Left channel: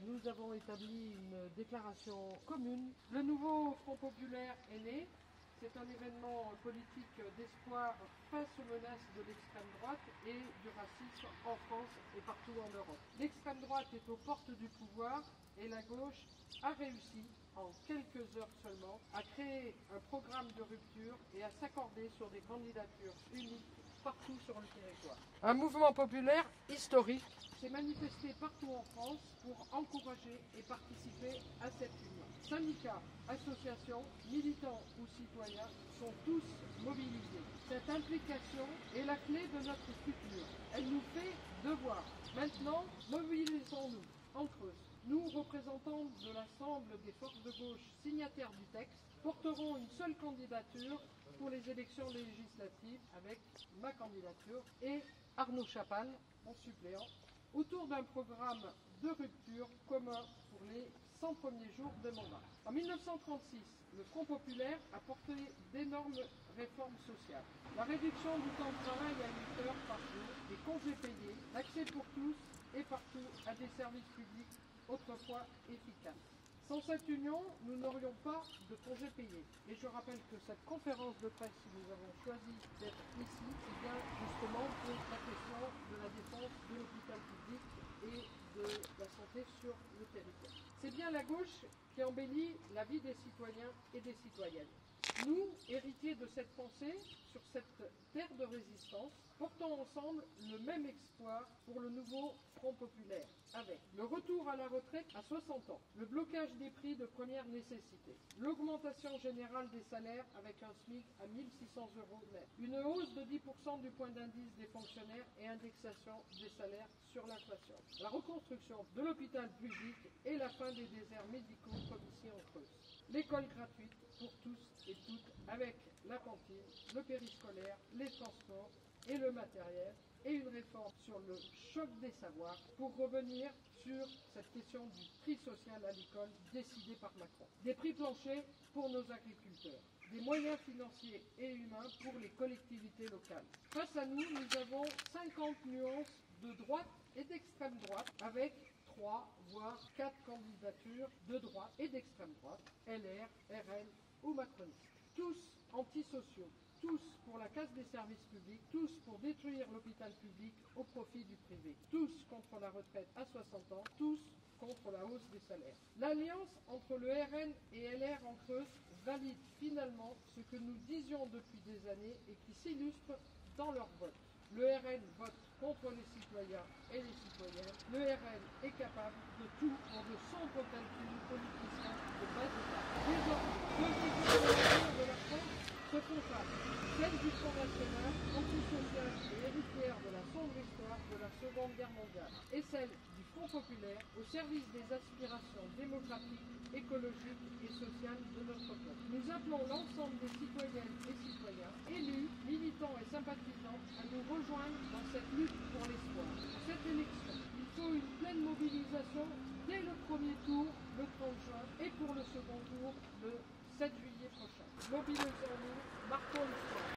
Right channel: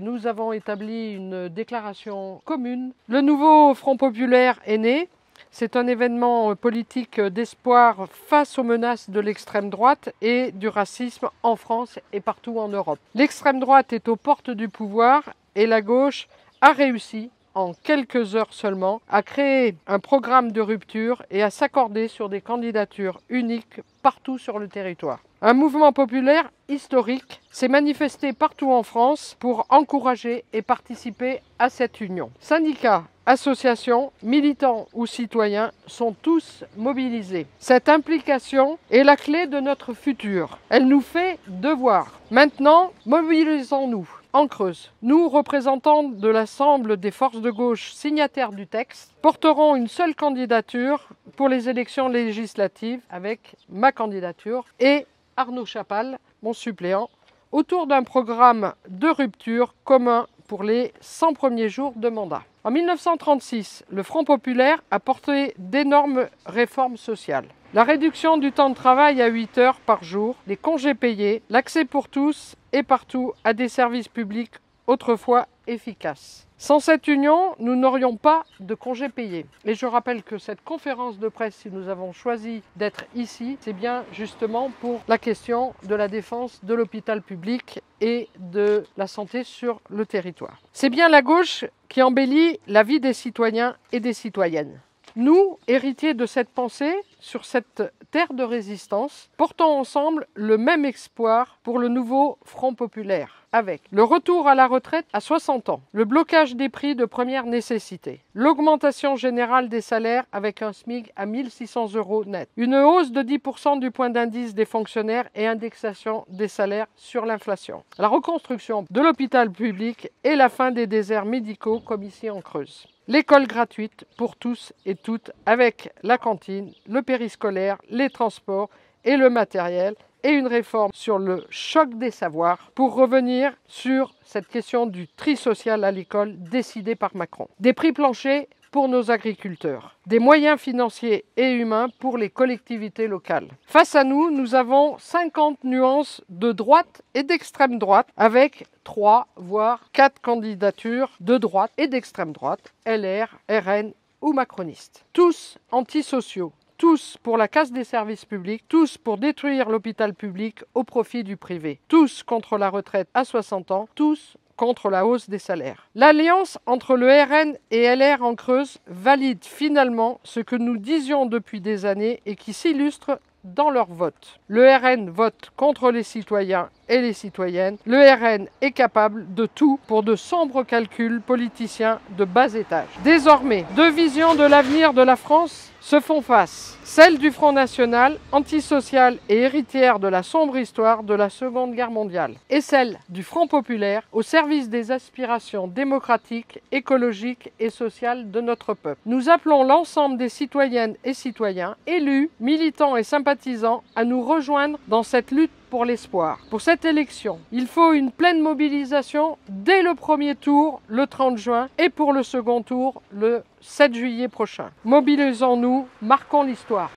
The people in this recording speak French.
Nous avons établi une déclaration commune. Le nouveau Front populaire est né. C'est un événement politique d'espoir face aux menaces de l'extrême droite et du racisme en France et partout en Europe. L'extrême droite est aux portes du pouvoir et la gauche a réussi, en quelques heures seulement, à créer un programme de rupture et à s'accorder sur des candidatures uniques partout sur le territoire. Un mouvement populaire historique s'est manifesté partout en France pour encourager et participer à cette union. Syndicats, associations, militants ou citoyens sont tous mobilisés. Cette implication est la clé de notre futur. Elle nous fait devoir. Maintenant, mobilisons-nous. En Creuse, nous, représentants de l'ensemble des forces de gauche signataires du texte, porterons une seule candidature pour les élections législatives avec ma candidature et Arnaud Chapal, mon suppléant, autour d'un programme de rupture commun pour les 100 premiers jours de mandat. En 1936, le Front populaire a porté d'énormes réformes sociales. La réduction du temps de travail à 8 heures par jour, les congés payés, l'accès pour tous et partout à des services publics autrefois efficaces. Sans cette union, nous n'aurions pas de congés payés. Et je rappelle que cette conférence de presse, si nous avons choisi d'être ici, c'est bien justement pour la question de la défense de l'hôpital public et de la santé sur le territoire. C'est bien la gauche qui embellit la vie des citoyens et des citoyennes. Nous, héritiers de cette pensée, sur cette terre de résistance, portons ensemble le même espoir pour le nouveau Front populaire, avec le retour à la retraite à 60 ans, le blocage des prix de première nécessité, l'augmentation générale des salaires avec un SMIC à 1 600 € net, une hausse de 10% du point d'indice des fonctionnaires et indexation des salaires sur l'inflation, la reconstruction de l'hôpital public et la fin des déserts médicaux comme ici en Creuse. L'école gratuite pour tous et toutes avec la cantine, le périscolaire, les transports et le matériel et une réforme sur le choc des savoirs pour revenir sur cette question du tri social à l'école décidée par Macron. Des prix planchers pour nos agriculteurs, des moyens financiers et humains pour les collectivités locales. Face à nous, nous avons 50 nuances de droite et d'extrême droite avec 3 voire 4 candidatures de droite et d'extrême droite, LR, RN ou macronistes. Tous antisociaux, tous pour la casse des services publics, tous pour détruire l'hôpital public au profit du privé, tous contre la retraite à 60 ans, tous contre la hausse des salaires. L'alliance entre le RN et LR en Creuse valide finalement ce que nous disions depuis des années et qui s'illustre dans leur vote. Le RN vote contre les citoyens et les citoyennes. Le RN est capable de tout pour de sombres calculs politiciens de bas étage. Désormais, deux visions de l'avenir de la France se font face. Celle du Front national, antisocial et héritière de la sombre histoire de la Seconde Guerre mondiale. Et celle du Front populaire, au service des aspirations démocratiques, écologiques et sociales de notre peuple. Nous appelons l'ensemble des citoyennes et citoyens, élus, militants et sympathisants, à nous rejoindre dans cette lutte pour l'espoir. Pour cette élection, il faut une pleine mobilisation dès le premier tour, le 30 juin, et pour le second tour, le 7 juillet prochain. Mobilisons-nous, marquons l'histoire.